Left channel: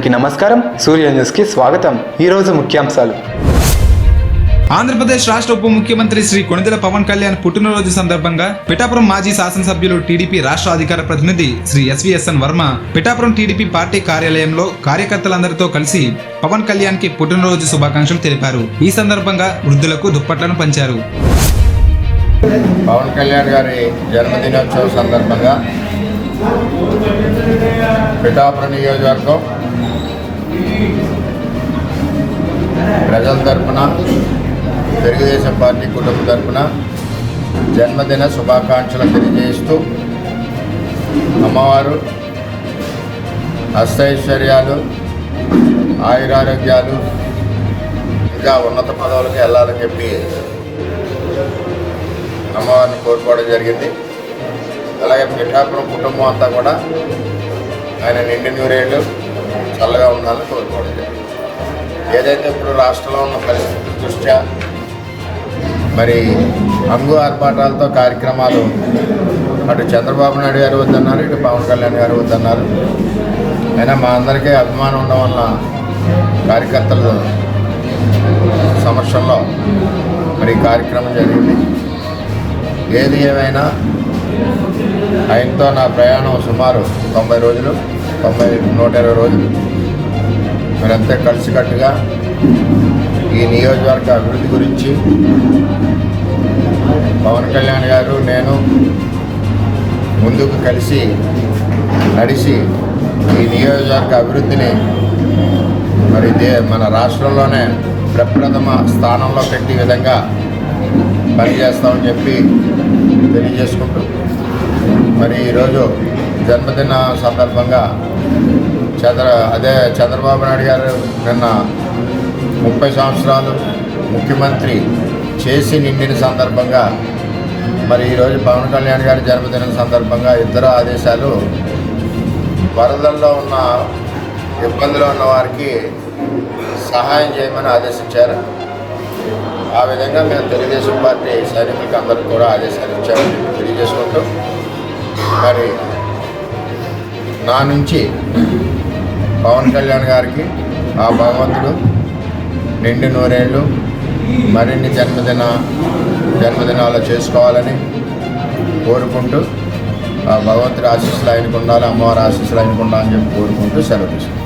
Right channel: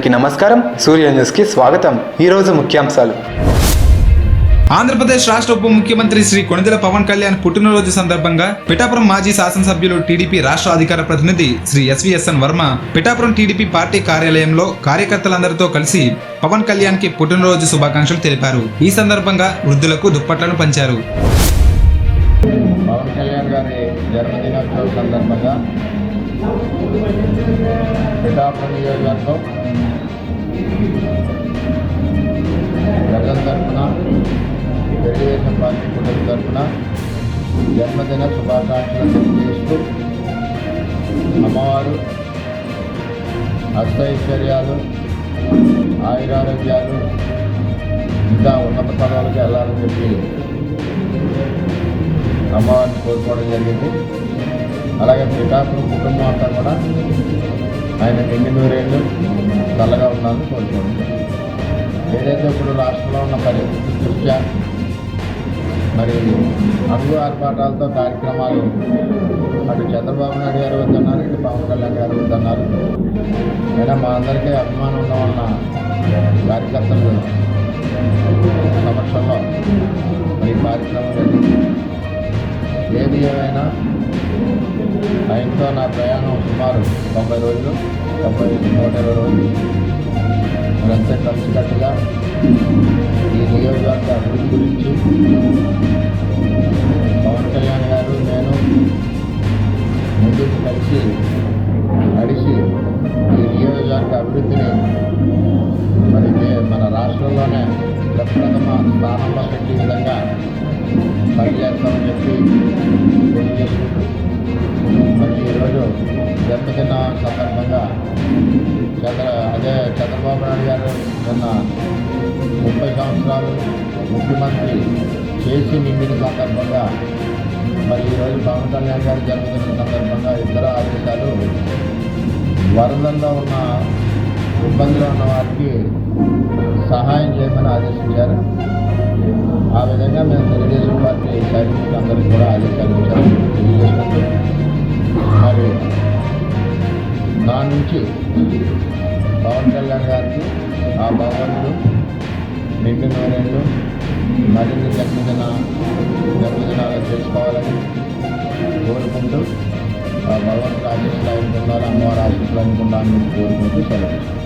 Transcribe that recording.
అందరికీ నమస్కారం. సూర్య న్యూస్కి స్వాగతం. ఈరోజు ముఖ్యాంశాలు. ఆంధ్రప్రదేశ్ రాష్ట్ర ఉప ముఖ్యమంత్రి శ్రీ కొణిదెల పవన్ కళ్యాణ్ పుట్టినరోజు సందర్భంగా పిఠాపురం మాజీ శాసనసభ్యులు టీడీపీ రాష్ట్ర అధికార ప్రతినిధి శ్రీ ఎస్వీఎస్ఎన్ వర్మ పిఠాపురం టీడీపీ పార్టీ కార్యాలయంలో కార్యకర్తలందరితో కలిసి పవన్ కళ్యాణ్ కి పుట్టినరోజు శుభాకాంక్షలు తెలిపారు. ఈ సందర్భంగా వృద్ధులకు దుప్పట్లను పంచారు. పవన్ కళ్యాణ్ గారి జన్మదినోత్సవం సందర్భంగా పిఠాపురం నియోజకవర్గం ప్రజల తరపున తెలుగుదేశం పార్టీ కుటుంబం తరపున జన్మదిన శుభాకాంక్షలు తెలియజేస్తూ అమ్మవారు అష్టైశ్వర్యాలు, ఆయురారోగ్యాలు, ఇంకా ఉన్నత పదవులకు వెళ్ళాలని చెప్పి అమ్మవారిని కోరుకోవడం జరిగింది. అలాగే పిఠాపురం కుటుంబం అంతా కూడా ఆయన నిండి నూరేళ్ళు చల్లగా ఉండాలని కోరుకోవడం జరిగింది. ఏదైతే ఇప్పుడు రాష్ట్రంలో ఉన్న పరిస్థితుల దృష్ట్యా మరి అంగు ఆర్భాటాలతో కార్యక్రమాలు అటు చంద్రబాబు నాయుడు గారు వద్దన్నారు, ఇటు పవన్ కళ్యాణ్ గారు వద్దన్నారు. అయినా మా అందరికీ అభిమానం ఉండడం వల్ల కార్యకర్తల సమక్షంలో మరి కార్యక్రమం జరిగింది. ఏది ఏమైనా ఆయనతో నా ప్రయాణం సుమారు 90 రోజులు, 120 రోజులు. మరంతా కలిసికట్టుగా ఈ నియోజకవర్గ అభివృద్ధి గురించి పవన్ కళ్యాణ్ గారు నేను ముందుకు కలిసి నడిచి ఈ నియోజకవర్గ అభివృద్ధిని మరి మన రాష్ట్రంలోనే ప్రప్రథమ స్థానంలో పెట్టే విధంగా పనిచేస్తామని చెప్పి తెలియజేసుకుంటూ మరి ఈరోజు జన్మదిన సందర్భంగా చంద్రబాబు నాయుడు గారు నిన్న 30 సంవత్సరాలు ముఖ్యమంత్రి చేసి నిండిన సందర్భంగా మరి ఈరోజు పవన్ కళ్యాణ్ గారి జన్మదినం సందర్భంగా ఇద్దరు ఆదేశాలు వరదల్లో ఉన్న ఇబ్బందులు ఉన్న వారికి సహాయం చేయమని ఆదేశించారు. ఆ విధంగా మేము తెలుగుదేశం పార్టీ సైనికులకు అందరికీ కూడా ఆదేశాలు ఇచ్చామని తెలియజేసుకుంటూ మరి నా నుంచి పవన్ కళ్యాణ్ గారికి ఆ భగవంతుడు నిండి నూరేళ్ళు మరిన్ని జన్మదినాలు చేసుకోవాలని కోరుకుంటూ ఆ భగవంతుడి ఆశీస్సులు ఆయనకు ఉండాలి, అమ్మవారి ఆశీస్సులు ఆయనకు ఉండాలని చెప్పి కోరుకుంటూ సెలవు తీసుకుంటాం.